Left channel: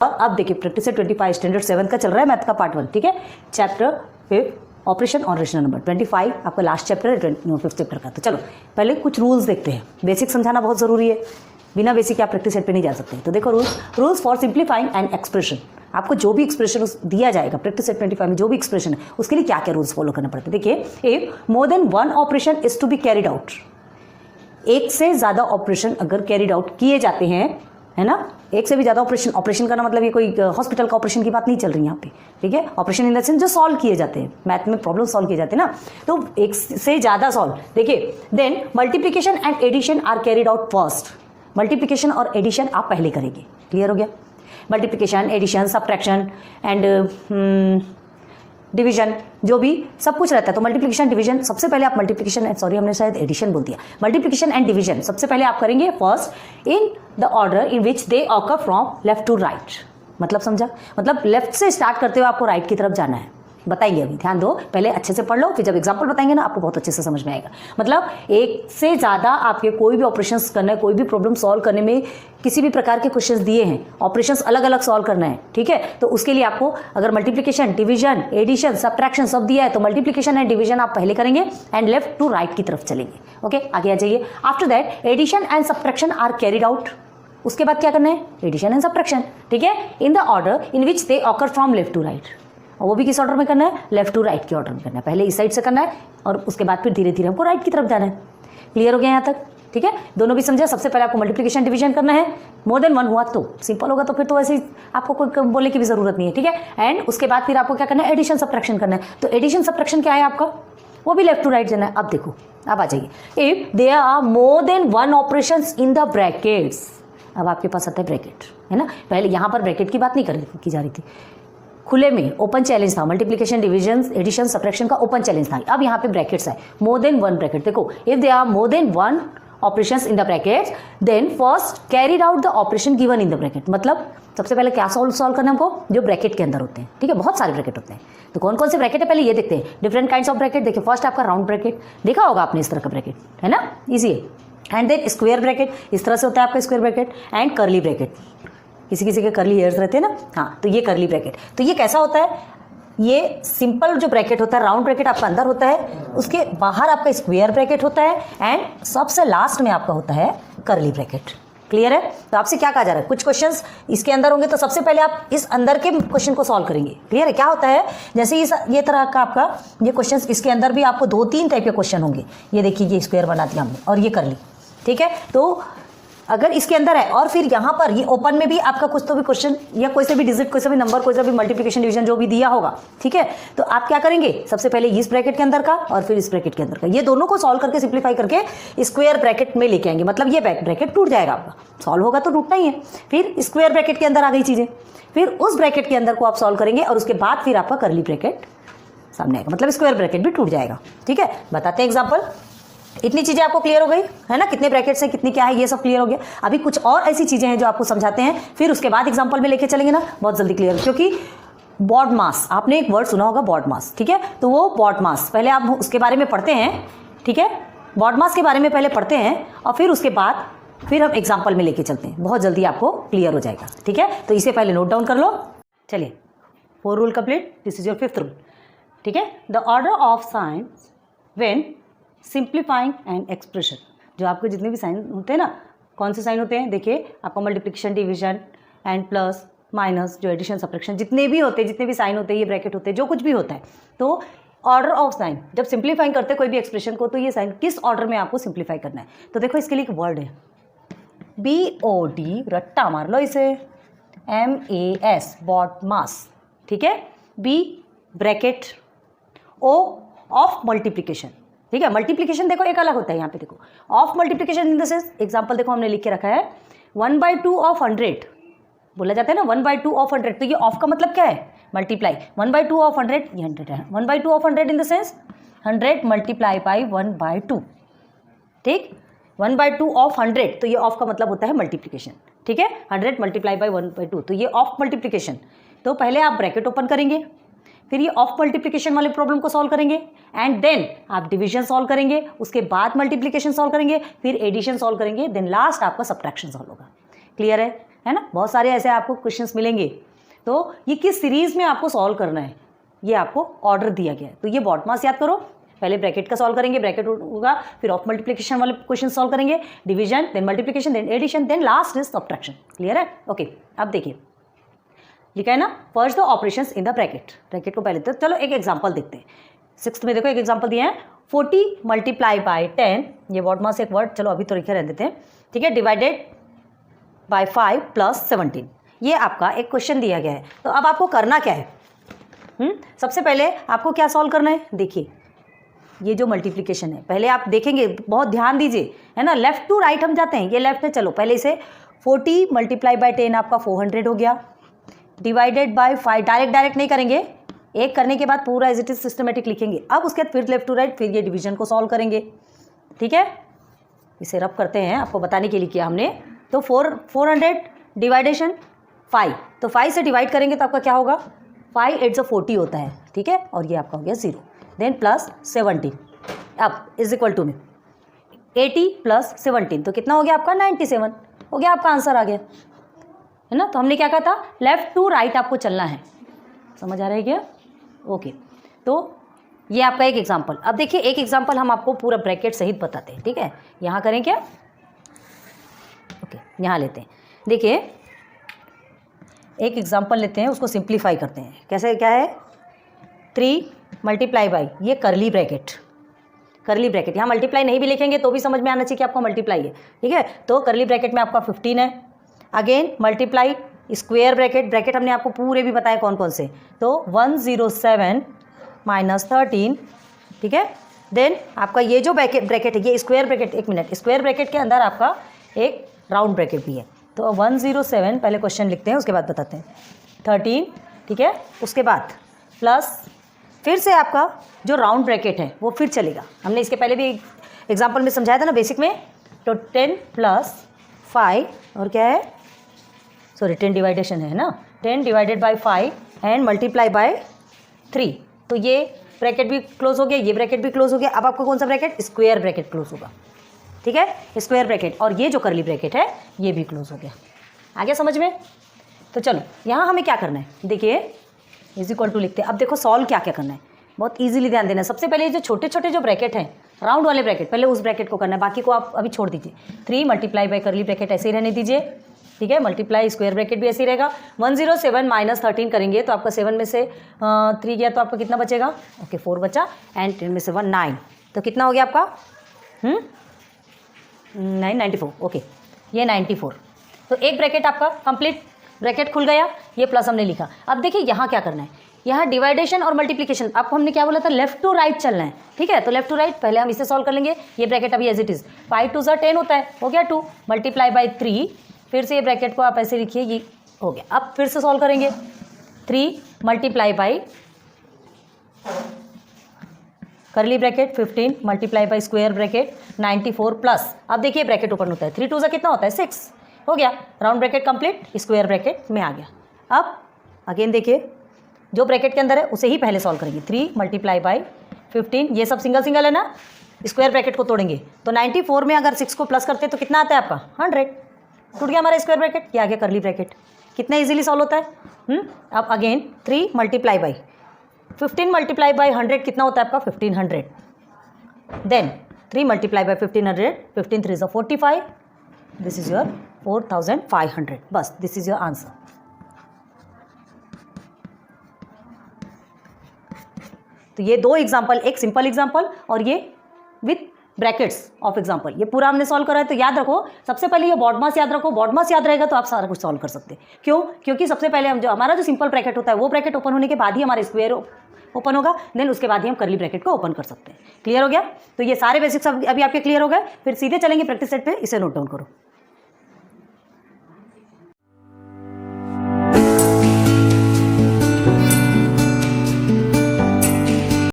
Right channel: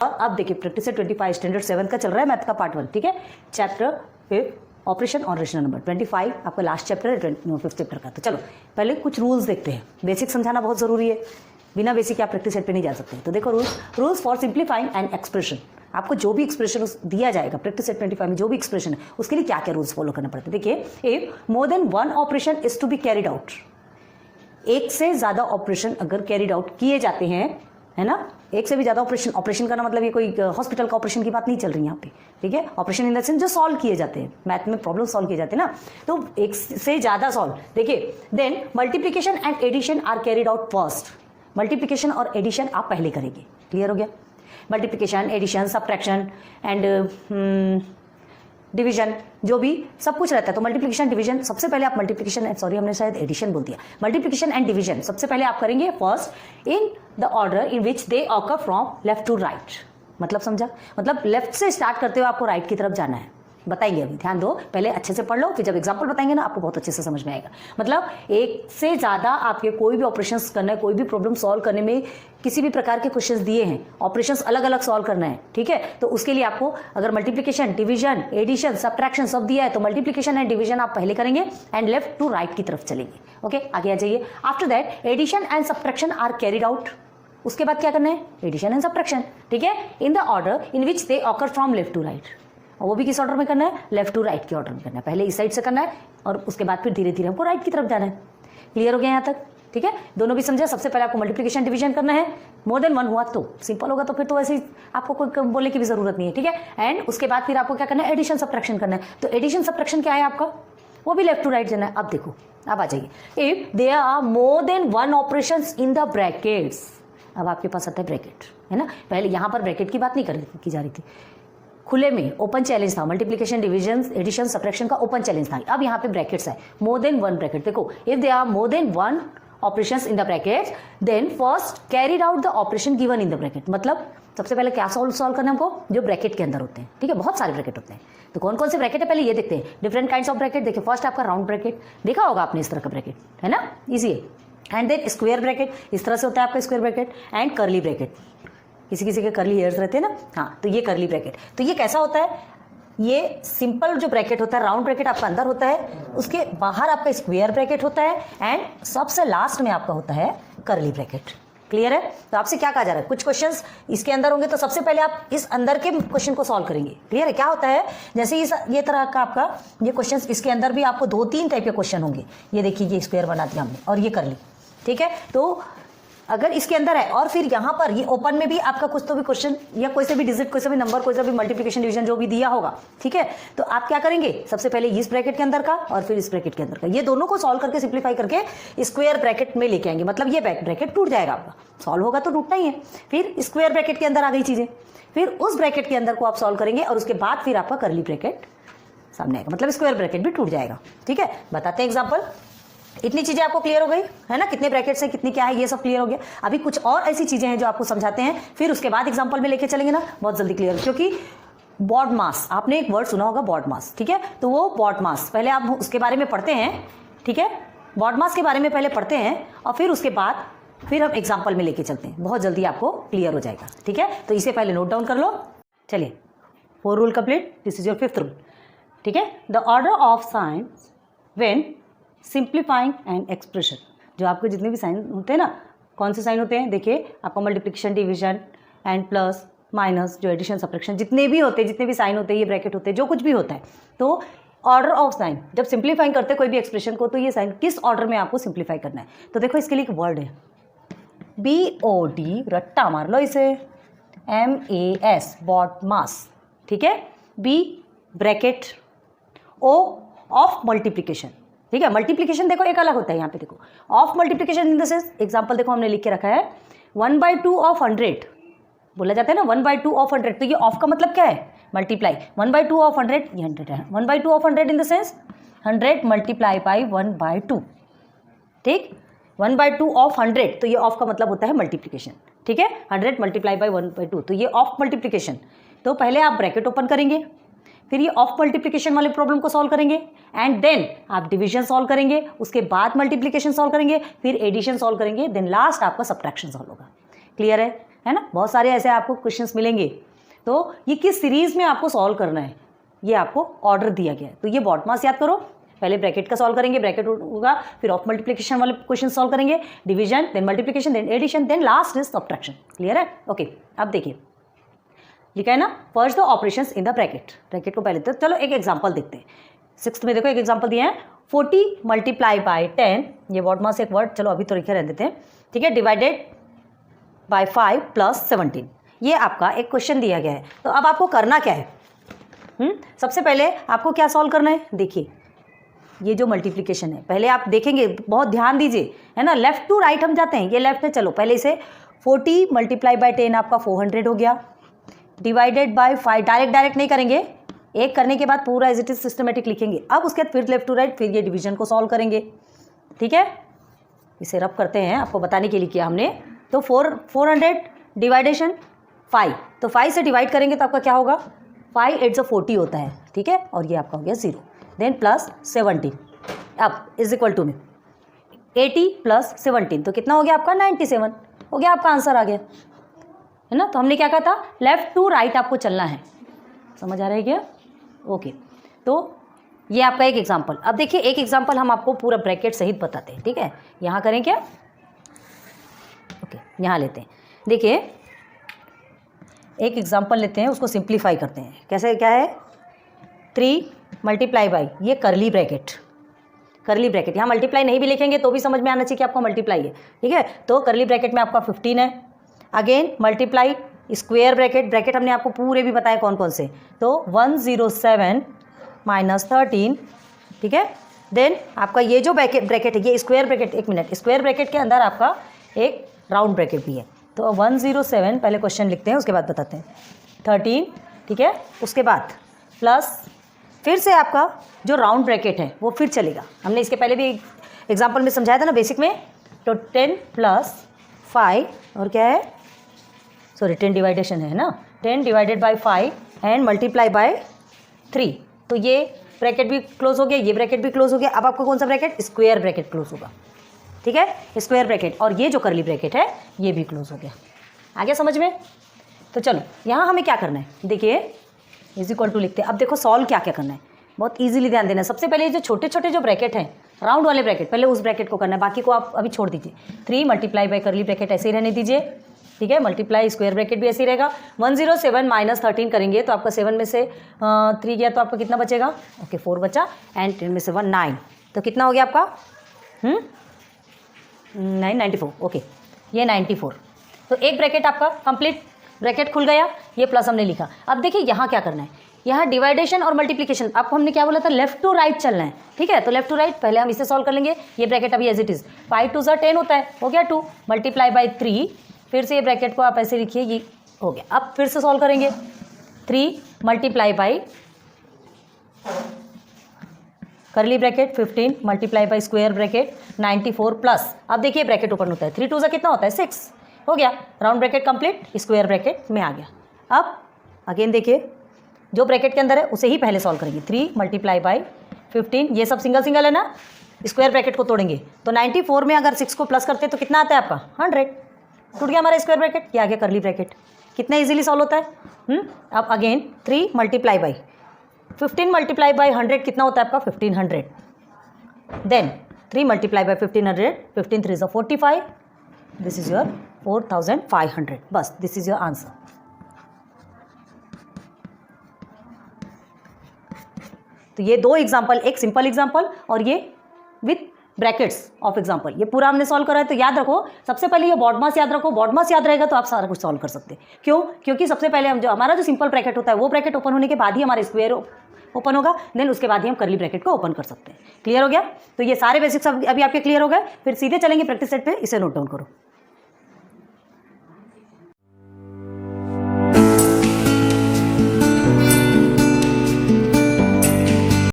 अब देखिए practice set 25 standard 7 का चल रहा है मैथ का पार्ट 1, ठीक है। चैप्टर 5 ऑपरेशन और रेशनल नंबर 25 आपका लास्ट चैप्टर है 5th चैप्टर का। तो चलो पहले कुछ रूल्स देखते हैं। बेसिक समझाना बहुत जरूरी है, बिना बेसिक आप प्रैक्टिस सेट पे नहीं जा सकते। तो देखो rules for simplifying and expression. आपको जो भी एक्सप्रेशन दिया जाएगा प्रैक्टिस सेट 25 में, जो भी एक्सप्रेशन है उसके लिए क्या क्या रूल्स फॉलो करना पड़ता है। देखिए, if more than one operation is to be carried out, एक से ज्यादा ऑपरेशन अगर कैरिड आउट किए जाते हैं, है ना, एक से भी ज्यादा ऑपरेशन करना मतलब ये कोई हॉस्पिटल का ऑपरेशन की बात नहीं चल रही यहाँ पे, ठीक है। ऑपरेशन इन द सेंस जो सॉल्व किए जाते हैं, मैथ में प्रॉब्लम सॉल्व किए जाते हैं ना, तो एक से ज्यादा सॉल्व। देखिए, then multiplication and addition are carried out first. Multiplication और एडिशन आप पहले करेंगे। क्लियर हो गया? Multiplication, addition, subtraction and division, जो भी सब कुछ रहता है। तो मल्टीप्लिकेशन, डिवीजन, सबसे पहले आप मल्टीप्लिकेशन, सॉरी हमने शायद एडिशन बोल दिया, मल्टीप्लिकेशन एंड डिवीजन सबसे पहले आप करेंगे first in the order in which they occur from left to right. मतलब समझा? मतलब लेफ्ट से स्टार्ट करते हुए आपको राइट की तरफ जाना है। बताइए, अभी ध्यान दो, पहले अच्छे से पढ़ लो, फिर जब एग्जाम्पल बताएंगे ना आपको बहुत अच्छे से समझ में आएगा। मतलब एक से ज्यादा आपके कोई भी ऑपरेशंस करना है, कोई भी प्रॉब्लम सॉल्व करने में किसी भी प्रकार के क्वेश्चंस दिए हैं, ऑपरेशंस अलग अलग सॉल्व करना है, ठीक है। तो उसके लिए आपको अगर मल्टीप्लिकेशन, डिवीजन, एडिशन, सब्ट्रैक्शन सब दिया है तो मल्टीप्लिकेशन एंड डिवीजन आप पहले करेंगे एंड लेफ्ट टू राइट की तरफ चलेंगे। ओके, आगे आ जाइए। After that addition and subtraction are carried out. उसके बाद क्या करना है? एडिशन एंड सब्ट्रैक्शन, ठीक है, in the order in which they occur from left to right. और वो भी किस ऑर्डर में करना है? लेफ्ट टू राइट के ऑर्डर में करना है। पहले इस साइड से करना है और उसके बाद फिर धीरे धीरे हमको राइट की तरफ जाना है। क्लियर हो गया यहाँ तक? ठीक है, दोनों भी समझे। सबसे पहले आपको मल्टीप्लिकेशन, डिवीजन करना है। मोर देन वन हुआ तो सिंपल होगा, तो फिर तो ऐसे ही आपको कोई बोलने की भी जरूरत नहीं है, ठीक है। एंड उसके बाद फिर आपको क्या करना है? एडिशन, सब्ट्रैक्शन करना है। तो एडिशन, सब्ट्रैक्शन क्या है आपका? वो भी लेफ्ट टू राइट जाना है। अब देखो, अब आ जाइए। If there are more than one operations in the brackets. अब आपके पास आता है ब्रैकेट, है ना। पहले यहाँ पर ब्रैकेट की बात नहीं की जा रही थी, खुले में ओपन चैलेंज था। मल्टीप्लिकेशन, डिवीजन, एडिशन, सब्ट्रैक्शन का ओपन चैलेंज था। अब यहाँ पे ब्रैकेट्स है, मोर देन वन ब्रैकेट। देखो, if they are more than one operations in the brackets then first carried out the operation given in the bracket. मतलब सबसे पहले क्या सॉल्व करना है हमको? जो ब्रैकेट के अंदर होते हैं, ठीक है। बहुत सारे ब्रैकेट होते हैं, तो कौन कौन से ब्रैकेट है पहले ये देखते हैं। Different kinds of bracket. देखिए, फर्स्ट आपका राउंड ब्रैकेट, देखा होगा आपने इस तरह का ब्रैकेट, है ना, इजी है। एंड देन स्क्वायर ब्रैकेट, इस तरह से होता है आपका square bracket. And curly bracket, किसी किसी के कर्ली हेयर्स रहते हैं ना, हाँ, तो ये कर्ली ब्रैकेट। तो ये कैसा होता है? ये सिंपल जो ब्रैकेट होता है, राउंड ब्रैकेट आपका अंदर होता है, उसके बाहर आपका स्क्वायर ब्रैकेट होता है एंड सबसे लास्ट में आपका होता है कर्ली ब्रैकेट। क्लियर है? तो आपसे क्या कहा जा रहा है? कुछ क्वेश्चंस इसके अंदर होंगे तो सबसे पहले आप इस अंदर के क्वेश्चन को सॉल्व करेंगे। क्लियर है? क्या होता है, जैसे ये तरह का आपका ये क्वेश्चन, इसके अंदर भी आपको 2-3 टाइप के क्वेश्चन होंगे। ये देखिए, ये स्क्वायर बना दिया हमने और ये कर्ली, ठीक है। तो अगर इसके अंदर है और फिर यहाँ पर ये ओपन में भी आपका कुछ तो भी क्वेश्चन या कोई से भी डिजिट, कोई से भी नंबर, कोई से भी मल्टीप्लिकेशन, डिवीजन जो भी दिया होगा, ठीक है, तो आप क्या करेंगे? सबसे पहले इस ब्रैकेट के अंदर का और फिर इस ब्रैकेट के अंदर का, ये दोनों को सॉल्व करके सिंप्लीफाई करके स्क्वायर ब्रैकेट में लेके आएंगे। मतलब ये ब्रैकेट टूट जाएगा आपका, सॉल्व होगा तो टूटना ही है। फिर स्क्वायर ब्रैकेट के अंदर आ गई चीजें, फिर उस ब्रैकेट के अंदर को आप सॉल्व करेंगे और उसके बाद फिर आपका कर्ली ब्रैकेट सामने आएगा, मतलब स्क्वायर ब्रैकेट भी टूट जाएगा। ठीक है, बताते हैं एग्जाम्पल। इतनी चीजें आपको क्लियर हो गई है ना, कितने ब्रैकेट्स हैं, कितनी क्या है, ये सब क्लियर हो गया। अभी कुछ और ऐसी चीजें हैं जो आपको समझाते हैं, फिर उसके बाद एग्जांपल में लेके चलेंगे ना, बहुत जल्दी क्लियर। क्योंकि बॉड मास, आपने एक वर्ड सुना होगा बॉड मास, ठीक है, तो वो बॉड मास पहले आप उसके बारे में पढ़ते हैं, ठीक है, बॉड मास के बारे में पहले पढ़ते हैं और फिर उसके बाद फिर हम एग्जाम्पल में लेके चलते हैं, बहुत जल्दी आपको क्लियर हो जाएगा। ठीक है, तो इसे पहले नोट डाउन कर लो। चलिए, 4 rule complete, this is your 5th rule. ठीक है, the order of science when simplifying and expression, जो आपके जितने भी साइन होते हैं ना, कौन से साइन होते हैं, देखिए आपका multiplication, division and plus minus, जो एडिशन, सब्ट्रैक्शन, जितने भी होते हैं, जितने भी साइन होते हैं, ये ब्रैकेट होते हैं, जो कुछ भी होता है, तो ऑर्डर ऑफ साइन जब सिंप्लीफाइंग करते हैं कोई भी एक्सप्रेशन को, तो ये साइन किस ऑर्डर में आपको सिंप्लीफाई करना है। तो देखो इसके लिए एक वर्ड है BOD, रट्टा मार लो इसे, MAS, बॉड मास। ठीक है, B bracket, O of multiplication. ठीक है, मल्टीप्लिकेशन देखो एक अलग होता है, यहाँ पे देखो of multiplication in the sense, example देखो हमने लिख के रखा है 1/2 ऑफ 100, बोला जाता है ना 1/2 ऑफ 100, तो ये ऑफ का मतलब क्या है, मल्टीप्लाई। 1/2 ऑफ 100 ये 100 है, 1/2 of 100 in the sense 100 multiply by 1/2। ठीक, 1/2 ऑफ 100, तो ये ऑफ का मतलब होता है मल्टीप्लिकेशन। ठीक है, 100 मल्टीप्लाई बाई 1/2, तो ये ऑफ मल्टीप्लिकेशन। तो पहले आप ब्रैकेट ओपन करेंगे, फिर ये ऑफ मल्टीप्लिकेशन वाले प्रॉब्लम को सॉल्व करेंगे एंड देन आप डिवीजन सॉल्व करेंगे, उसके बाद मल्टीप्लिकेशन सॉल्व करेंगे, फिर एडिशन सॉल्व करेंगे, देन लास्ट आपका सब्ट्रैक्शन सॉल्व होगा। क्लियर है? है ना, बहुत सारे ऐसे आपको क्वेश्चंस मिलेंगे। तो ये किस सीरीज में आपको सॉल्व करना है, ये आपको ऑर्डर दिया गया है। तो ये बॉडमास याद करो, पहले ब्रैकेट का सॉल्व करेंगे, ब्रैकेट होगा, फिर ऑफ मल्टीप्लिकेशन वाले क्वेश्चन सॉल्व करेंगे, division, then multiplication, then addition, then last is subtraction. Clear है? ओके, अब देखिए लिखा है ना, first the operations in the bracket. Bracket को पहले तो चलो एक एग्जांपल देखते हैं। 6th में देखो एक एग्जांपल दिया है, 40 मल्टीप्लाई बाय 10, ये बॉडमास एक वर्ड चलो अभी तो लिखे रह देते हैं, ठीक है, डिवाइडेड बाय 5 प्लस 17। ये आपका एक क्वेश्चन दिया गया है। तो अब आपको करना क्या है? सबसे पहले आपको क्या सॉल्व करना है? देखिए ये जो मल्टीप्लिकेशन है, पहले आप देखेंगे, बहुत ध्यान दीजिए, है ना, लेफ्ट टू राइट हम जाते हैं, ये लेफ्ट है। चलो पहले इसे 40 मल्टीप्लाई बाय 10 आपका 400 हो गया, डिवाइडेड बाय 5, डायरेक्ट नहीं करेंगे, एक करने के बाद पूरा एज इट इज सिस्टमेटिक लिखेंगे। अब उसके बाद फिर लेफ्ट टू राइट, फिर ये डिवीजन को सॉल्व करेंगे, ठीक है। इसे रब करते हैं, आपको बताने के लिए किया हमने। तो 400 डिवाइडेशन 5, तो 5 से डिवाइड करेंगे तो आपका क्या होगा, 5 8 40 होता है, ठीक है, और ये आपका हो गया 0, देन प्लस 17, अब इज इक्वल टू में 80 प्लस 17, तो कितना हो गया आपका 97 हो गया, आपका आंसर आ गया, है ना। तो हमने क्या कहा था, लेफ्ट टू राइट आपको चलना है, समझ आ रहा है क्या? ओके, तो ये आपका एक एग्जांपल। अब देखिए एक एग्जांपल हम आपको पूरा ब्रैकेट सहित बताते हैं, ठीक है। यहाँ करें क्या, ओके, यहाँ लेते हैं। देखिए एक एग्जांपल लेते हैं, उसको सिंप्लीफाई करते हैं। कैसे, क्या है, 3 मल्टीप्लाई बाई, ये करली ब्रैकेट, यहाँ मल्टीप्लाई नहीं भी लिखेंगे तो भी समझ में आना चाहिए कि आपको मल्टीप्लाई है, ठीक है। तो करली ब्रैकेट में आपका 15 है, अगेन मल्टीप्लाई स्क्वायर ब्रैकेट हमने आपको पूरे भी बताए कौन कौन से, तो 107 माइनस 13, ठीक है। देन आपका ये जो ब्रैकेट है, ये स्क्वायर ब्रैकेट, एक मिनट, स्क्वायर ब्रैकेट के अंदर आपका एक राउंड ब्रैकेट भी है। तो 107 पहले क्वेश्चन लिखते हैं, उसके बाद बताते हैं, 13, ठीक है, उसके बाद प्लस फिर से आपका जो राउंड ब्रैकेट है वो फिर चलेगा। हमने इसके पहले भी एग्जाम्पल में समझाया था ना बेसिक में। तो 10 प्लस 5 और क्या है, सॉरी 10 डिवाइडेशन है ना, 10 divided by 5 and multiply by 3, तो ये ब्रैकेट भी क्लोज हो गया, ये ब्रैकेट भी क्लोज हो गया। अब आपको कौन सा ब्रैकेट, स्क्वायर ब्रैकेट क्लोज होगा, ठीक है, स्क्वायर ब्रैकेट, और ये जो करली ब्रैकेट है ये भी क्लोज हो गया। आ गया समझ में? तो चलो यहाँ हमें क्या करना है, देखिए इज इक्वल टू लिखते हैं। अब देखो सॉल्व क्या क्या करना है, बहुत इजीली ध्यान देना है। सबसे पहले जो छोटे छोटे जो ब्रैकेट हैं, राउंड वाले ब्रैकेट, पहले उस ब्रैकेट को करना है, बाकी को आप अभी छोड़ दीजिए। 3 मल्टीप्लाई बाय करली ब्रैकेट ऐसे ही रहने दीजिए, ठीक है, मल्टीप्लाई स्क्वायर ब्रैकेट भी ऐसे ही रहेगा। 107 माइनस 13 करेंगे तो आपका 7 में से 3 गया तो आपका कितना बचेगा, ओके 4 बचा, एंड 10 में से 1 9, तो कितना हो गया आपका 94, ओके, ये 94। तो एक ब्रैकेट आपका कंप्लीट ब्रैकेट खुल गया, ये प्लस हमने लिखा। अब देखिए यहाँ क्या करना है, यहाँ डिवाइडेशन और मल्टीप्लिकेशन, आपको हमने क्या बोला था, लेफ्ट टू राइट चलना है, ठीक है। तो लेफ्ट टू राइट पहले हम इसे सॉल्व कर लेंगे। ये ब्रैकेट अभी एज इट इज 5 2 10 होता है, हो गया 2 मल्टीप्लाई बाई 3, फिर से ये ब्रैकेट को आप ऐसे लिखिए, ये हो गया। अब फिर से सॉल्व करेंगे, 3 मल्टीप्लाई बाई करली bracket 15 multiply by square bracket 94 plus, अब देखिए ब्रैकेट ओपन होता है, 3 2 कितना होता है 6, हो गया, round bracket complete, square bracket में आ गया। अब अगेन देखिए जो ब्रैकेट के अंदर है उसे ही पहले सॉल्व करेंगे। 3 मल्टीप्लाई बाई 15, ये सब सिंगल सिंगल है ना, स्क्वायर ब्रैकेट को तोड़ेंगे तो 94 में अगर 6 को प्लस करते हैं तो कितना आता है आपका 100, टूट गया हमारा स्क्वायर ब्रैकेट, ये आ गया करली ब्रैकेट। कितना इजीली सॉल्व होता है। अब again 3 multiply by 15 multiply by 100 कितना होता है आपका 1500, then 3 multiply by 1500, 15 3 45, this is your 4500, बस दिस इज योर आंसर। तो ये दो एग्जाम्पल, एक सिंपल एग्जाम्पल और ये विथ ब्रैकेट्स ऑफ एग्जाम्पल, ये पूरा हमने सॉल्व करा है। तो याद रखो, सबसे पहले ये बॉडमास याद रखो, बॉडमास याद रहेगा तो आप सारा कुछ सॉल्व कर सकते हैं। क्यों? क्योंकि सबसे पहले हम जो हमारा जो सिंपल ब्रैकेट होता है वो ब्रैकेट ओपन होने के बाद ही हमारा स्क्वायर ओपन होगा, देन उसके बाद ही हम करली ब्रैकेट को ओपन कर सकते हैं। क्लियर हो गया? तो ये सारे बेसिक्स अभी आपके क्लियर हो गए। फिर सीधे चलेंगे प्रैक्टिस सेट पे, इसे नोट डाउन करो।